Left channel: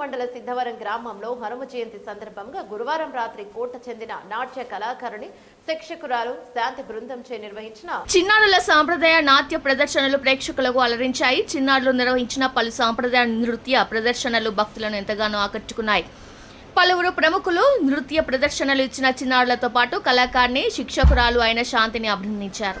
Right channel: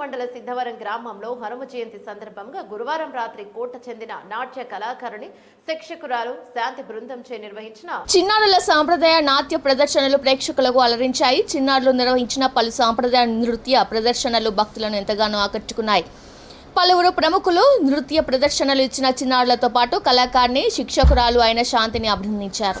మండల సిద్ధవరం గ్రామంలో హనుమ జయంతి సందర్భంగా గురువారం రాత్రి కోట చెందిన నాట్య కళాకారుని శిక్షకురాలు శాంతి బృందంచే నిర్వహించిన చిన్నారుల సాంప్రదాయ నాట్య ప్రదర్శనలు ప్రేక్షకులకు అలరించాయి. చిన్నారులు నిర్వహించిన పలు సాంప్రదాయ నృత్య ప్రదర్శనలు భక్తులను ఎంతగానో ఆకట్టుకున్నాయి. పలువురు ప్రముఖులు నృత్య ప్రదర్శనలు ఇచ్చిన చిన్నారులతో పాటు కళాకారిని శిక్షకురాలు అయిన శాంతిని అభినందించారు.